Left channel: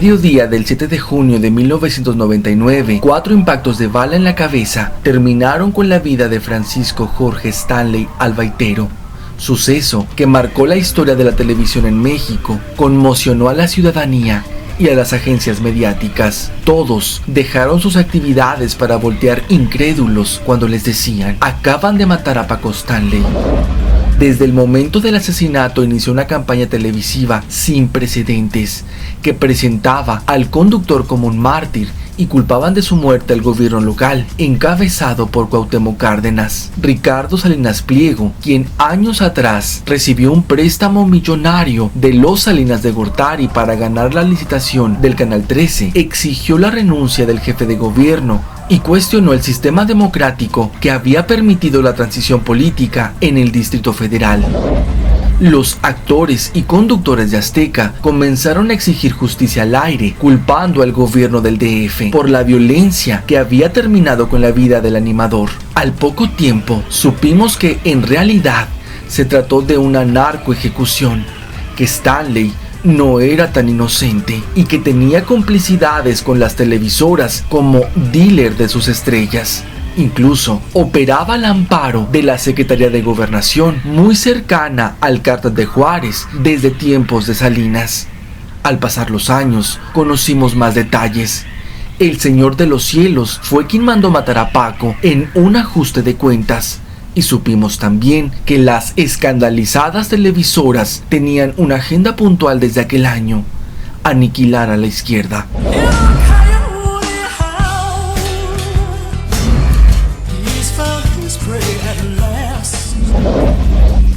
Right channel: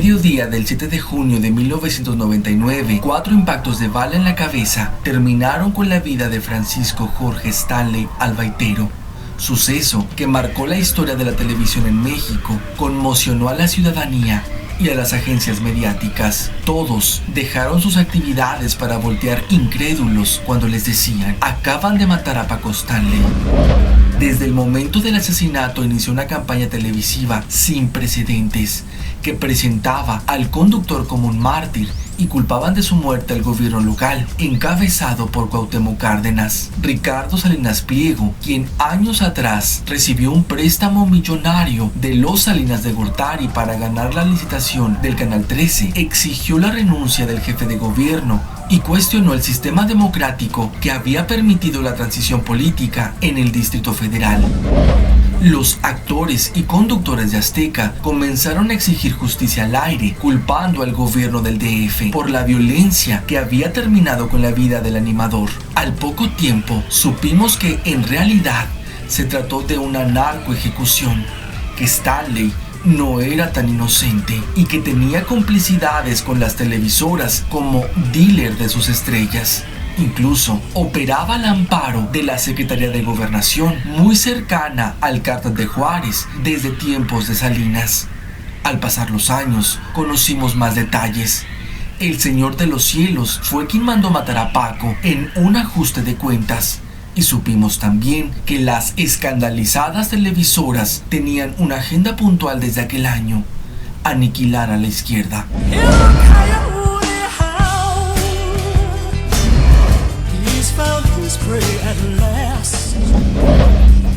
mediodía del 7 de junio de 1999, 4 impactos de bala en la cabeza terminaron con la vida de Francisco Jorge Stanley Albaitero. Suceso que marcó la historia de la televisión en México, conmocionó a la ciudadanía y a las agencias mediáticas. Todos dejaron sus actividades para voltear incrédulos cuando les decían: acaban de matar a Paco Stanley. Desde el momento del asesinato inició una campaña televisiva sin precedentes que presentaba al conductor como un mártir y culpaban de su muerte al gobierno local, encabezado por Cuauhtémoc Cárdenas. Ricardo Salinas Pliego, quien años atrás recibió un préstamo millonario de los Salinas de Gortari para ganar la licitación del Canal 13, exigió la renuncia del jefe de gobierno y cuestionó el sistema democrático que había permitido la transición política en el Distrito Federal. Los actores y conductores de Azteca comenzaron a exigir justicia al aire, culpando al gobierno del DF por la violencia que había terminado con la vida del animador. Al poco tiempo, supimos que en realidad se trató de una narcoejecución, que Stanley no era tan inocente y que tenía complicidades con las televisoras como dealer de sus estrellas. Incluso operaba al amparo de la Secretaría de Gobernación, muy cercana al Cártel de Juárez desde tiempos de Salinas. Al pasar los años, conocimos más detalles. El Señor de los Cielos fue quien mandó matar a Paco en un ajuste de cuentas. Y supimos también que las escandalizadas televisoras tenían una agenda puntual desde aquel año: aniquilar a la izquierda.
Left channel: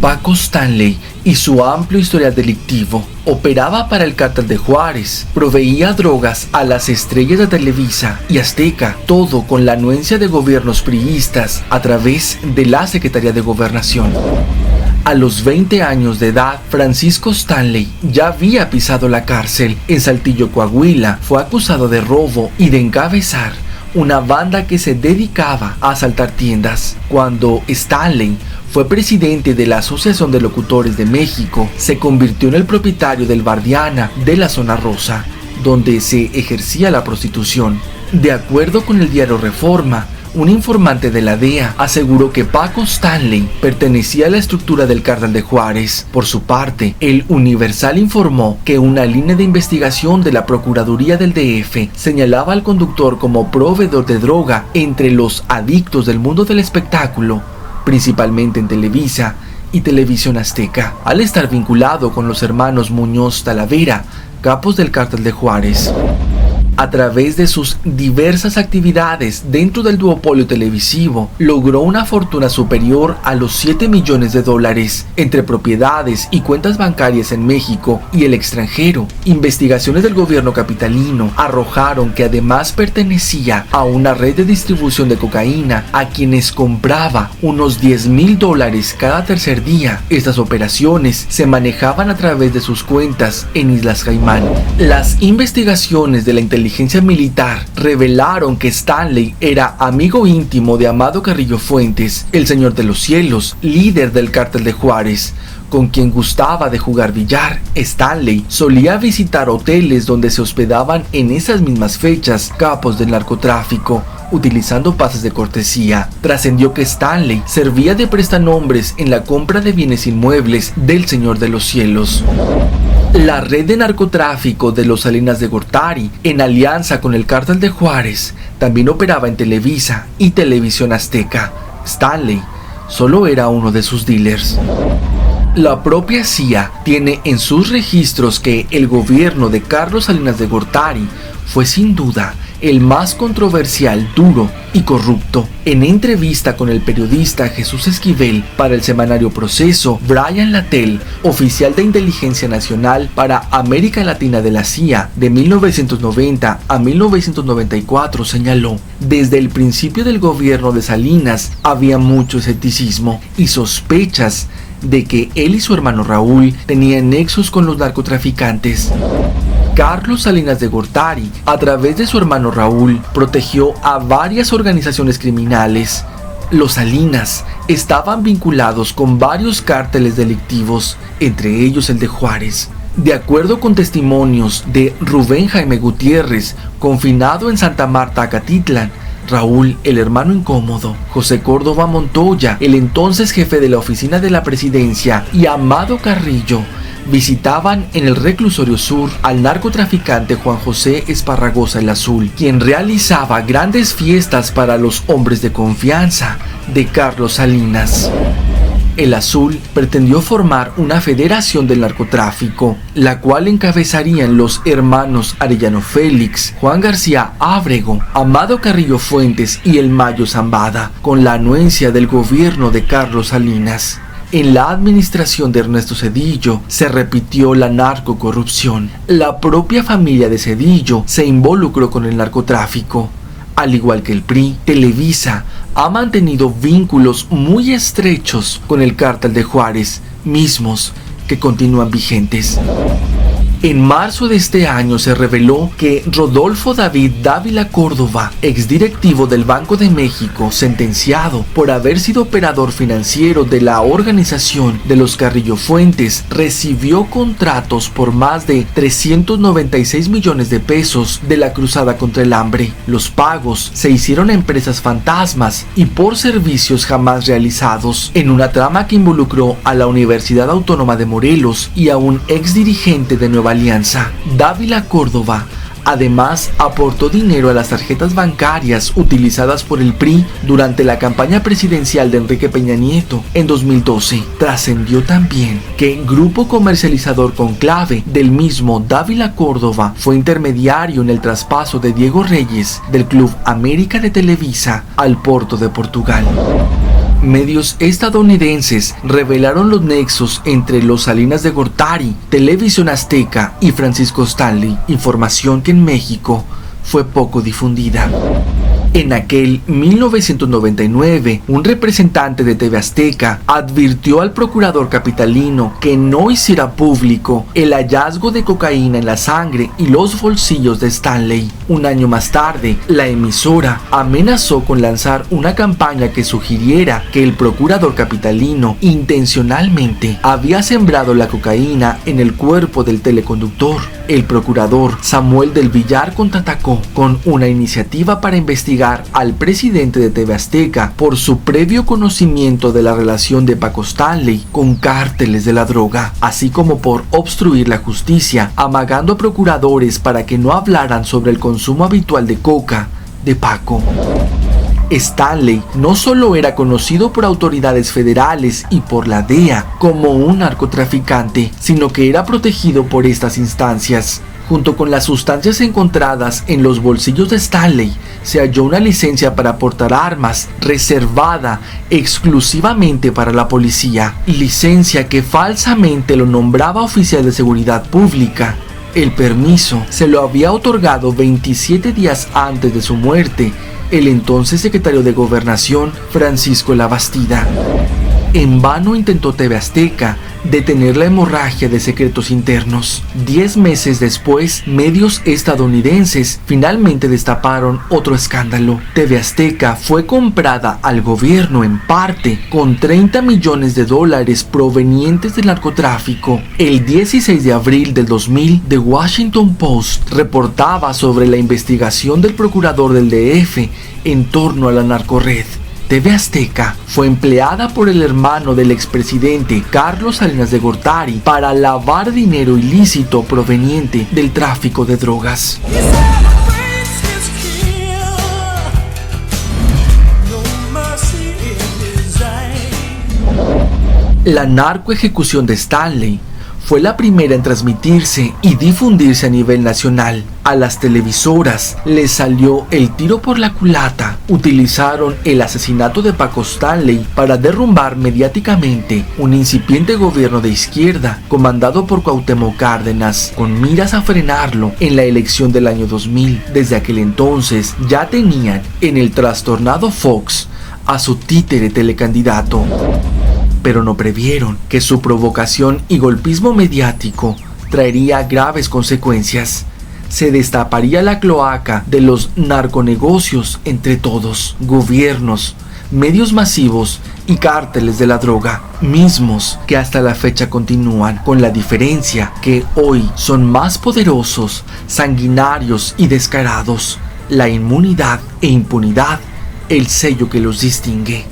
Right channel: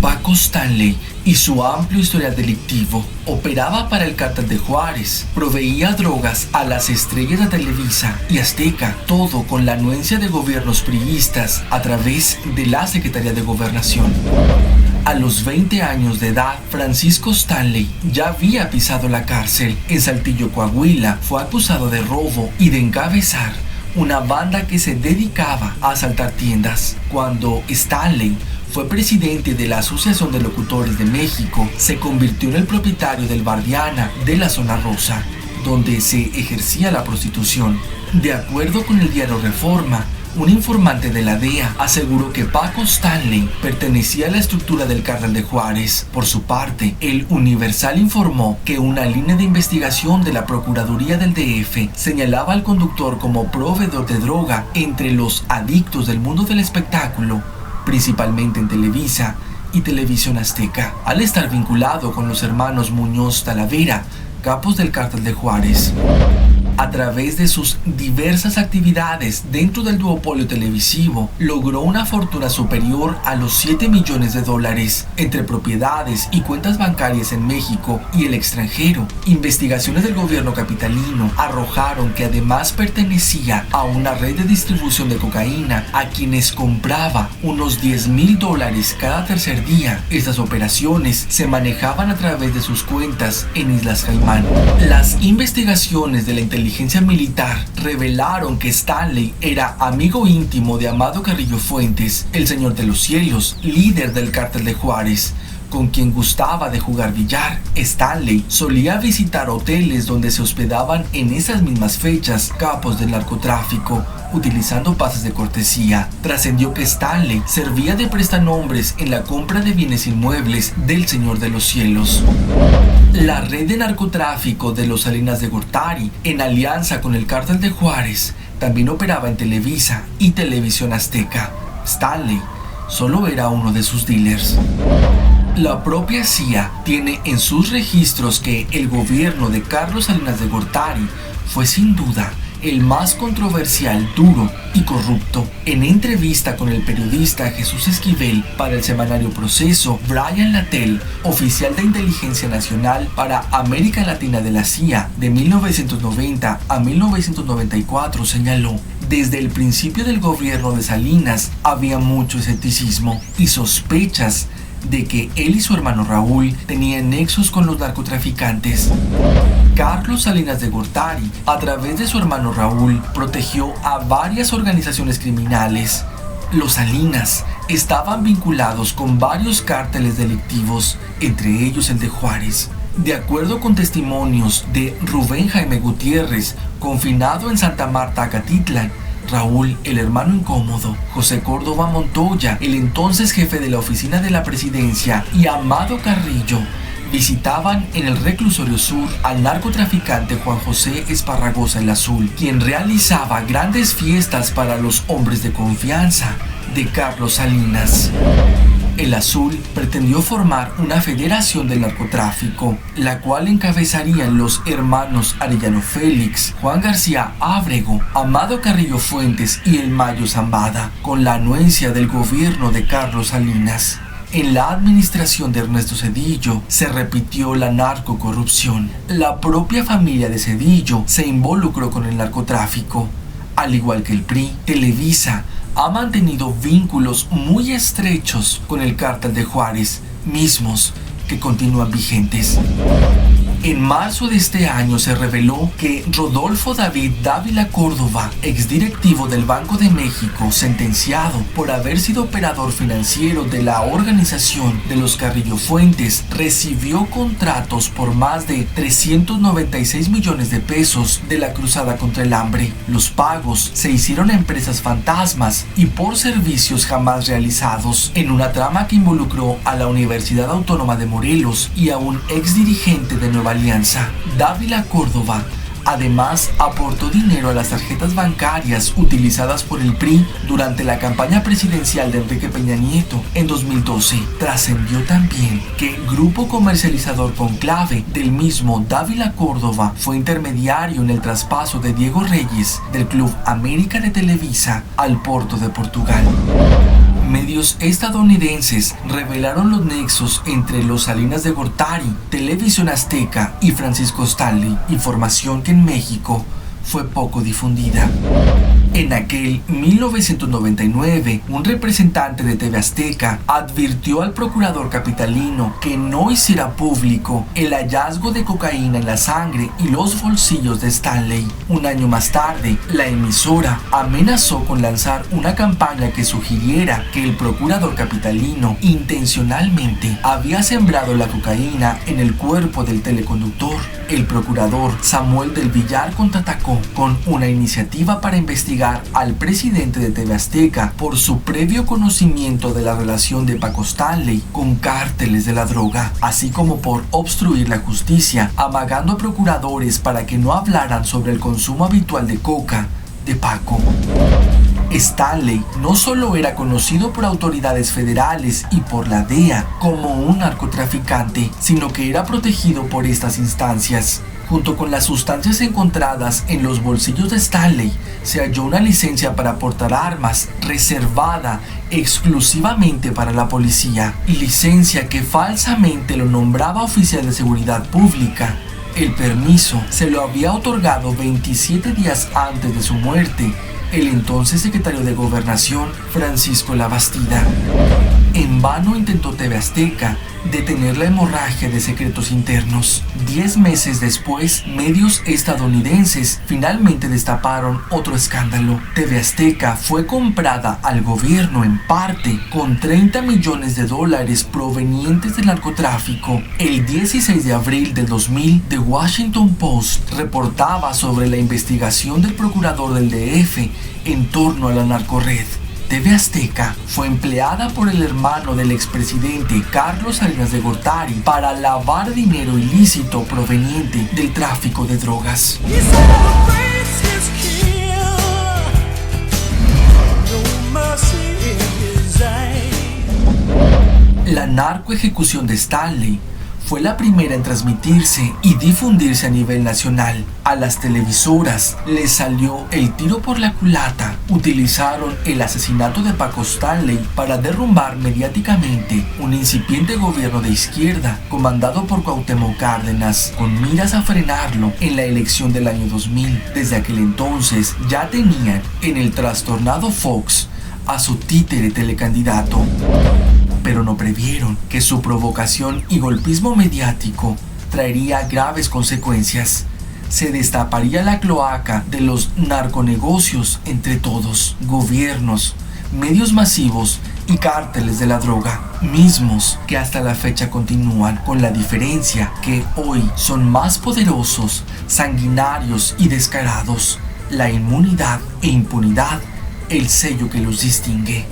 Paco Stanley y su amplio historial delictivo operaba para el Cártel de Juárez, proveía drogas a las estrellas de Televisa y Azteca, todo con la anuencia de gobiernos priistas a través de la Secretaría de Gobernación. A los 20 años de edad, Francisco Stanley ya había pisado la cárcel. En Saltillo, Coahuila, fue acusado de robo y de encabezar una banda que se dedicaba a asaltar tiendas. Cuando Stanley fue presidente de la Asociación de Locutores de México, se convirtió en el propietario del Bar Diana de la Zona Rosa, donde se ejercía la prostitución. De acuerdo con el diario Reforma, un informante de la DEA aseguró que Paco Stanley pertenecía a la estructura del Cártel de Juárez. Por su parte, el Universal informó que una línea de investigación de la Procuraduría del DF señalaba al conductor como proveedor de droga entre los adictos del mundo del espectáculo, principalmente en Televisa y Televisión Azteca, al estar vinculado con los hermanos Muñoz Talavera, capos del Cártel de Juárez. A través de sus diversas actividades dentro del duopolio televisivo, logró una fortuna superior a los $7 millones entre propiedades y cuentas bancarias en México y el extranjero. Investigaciones del gobierno capitalino arrojaron que además pertenecía a una red de distribución de cocaína a quienes compraba unos $10,000 cada tercer día. Estas operaciones se manejaban a través de sus cuentas en Islas Caimán. Las investigaciones de la inteligencia militar revelaron que Stanley era amigo íntimo de Amado Carrillo Fuentes, el Señor de los Cielos, líder del Cártel de Juárez, con quien gustaba de jugar billar. Stanley solía visitar hoteles donde se hospedaban en esas mismas fechas capos del narcotráfico, utilizando pases de cortesía. Trascendió que Stanley servía de prestanombres en la compra de bienes inmuebles del Señor de los Cielos. La red de narcotráfico de los Salinas de Gortari, en alianza con el Cártel de Juárez, también operaba en Televisa y Televisión Azteca. Stanley solo era uno de sus dealers. La propia CIA tiene en sus registros que el gobierno de Carlos Salinas de Gortari fue sin duda el más controversial, duro y corrupto. En entrevista con el periodista Jesús Esquivel para el semanario Proceso, Brian Latell, oficial de inteligencia nacional para América Latina de la CIA de 1990 a 1994, señaló: desde el principio del gobierno de Salinas había mucho escepticismo y sospechas de que él y su hermano Raúl tenían nexos con los narcotraficantes. Carlos Salinas de Gortari, a través de su hermano Raúl, protegió a varias organizaciones criminales. Los Salinas estaban vinculados con varios cárteles delictivos, entre ellos el de Juárez. De acuerdo con testimonios de Rubén Jaime Gutiérrez, confinado en Santa Marta, Acatitlan, Raúl, el hermano incómodo, José Córdoba Montoya, el entonces jefe de la oficina de la presidencia, y Amado Carrillo visitaban en el reclusorio sur al narcotraficante Juan José Esparragosa el Azul, quien realizaba grandes fiestas para los hombres de confianza de Carlos Salinas. El Azul pretendió formar una federación del narcotráfico, la cual encabezarían los hermanos Arellano Félix, Juan García Ábrego, Amado Carrillo Fuentes y el Mayo Zambada, con la anuencia del gobierno de Carlos Salinas. En la administración de Ernesto Zedillo se repitió la narcocorrupción. La propia familia de Zedillo se involucró con el narcotráfico. Al igual que el PRI, Televisa ha mantenido vínculos muy estrechos con el Cártel de Juárez, mismos que continúan vigentes. En marzo de este año se reveló que Rodolfo David Dávila Córdoba, exdirectivo del Banco de México, sentenciado por haber sido operador financiero de la organización de los Carrillo Fuentes, recibió contratos por más de 396 millones de pesos de la Cruzada contra el Hambre. Los pagos se hicieron a empresas fantasmas y por servicios jamás realizados, en una trama que involucró a la Universidad Autónoma de Morelos y a un exdirigente de Nueva Alianza. Dávila Córdoba además aportó dinero a las tarjetas bancarias utilizadas por el PRI durante la campaña presidencial de Enrique Peña Nieto en 2012. Trascendió también que Grupo Comercializador Conclave del mismo Dávila Córdoba fue intermediario en el traspaso de Diego Reyes del Club América de Televisa al Porto de Portugal. Medios estadounidenses revelaron los nexos entre los Salinas de Gortari, Televisión Azteca y Francisco Stanley, información que en México fue poco difundida. En aquel 1999, un representante de TV Azteca advirtió al procurador capitalino que no hiciera público el hallazgo de cocaína en la sangre y los bolsillos de Stanley. Un año más tarde, la emisora amenazó con lanzar una campaña que sugiriera que el procurador capitalino intencionalmente había sembrado la cocaína en el cuerpo del teleconductor. El procurador Samuel del Villar contraatacó con una iniciativa para investigar al presidente de TV Azteca por su previo conocimiento de la relación de Paco Stanley con cárteles de la droga, así como por obstruir la justicia, amagando a procuradores para que no hablaran sobre el consumo habitual de coca de Paco. Stanley no solo era conocido por autoridades federales y por la DEA como un narcotraficante, sino que era protegido por estas instancias. Junto con las sustancias encontradas en los bolsillos de Stanley, se halló una licencia para portar armas reservada exclusivamente para la policía, licencia que falsamente lo nombraba oficial de seguridad pública. El permiso se lo había otorgado 27 días antes de su muerte el entonces secretario de Gobernación, Francisco Labastida. En vano intentó TV Azteca detener la hemorragia de secretos internos. 10 meses después, medios estadounidenses finalmente destaparon otro escándalo. TV Azteca fue comprada al gobierno en parte con $30 millones provenientes del narcotráfico. El 16 de abril del 2000, The Washington Post reportaba sobre la investigación del procurador del DF en torno a la narcorred. TV Azteca fue empleada por el hermano del expresidente Carlos Salinas de Gortari para lavar dinero ilícito proveniente del tráfico de drogas. La narcoejecución de Stanley fue la primera en transmitirse y difundirse a nivel nacional. A las televisoras les salió el tiro por la culata. Utilizaron el asesinato de Paco Stanley para derrumbar mediáticamente un incipiente gobierno de izquierda comandado por Cuauhtémoc Cárdenas, con miras a frenarlo en la elección del año 2000. Desde aquel entonces ya tenían en el trastornado Fox a su títere telecandidato, pero no previeron que su provocación y golpismo mediático traería graves consecuencias. Se destaparía la cloaca de los narconegocios entre todos: gobiernos, medios masivos y cárteles de la droga, mismos que hasta la fecha continúan, con la diferencia que hoy son más poderosos, sanguinarios y descarados. La inmunidad e impunidad, el sello que los distingue.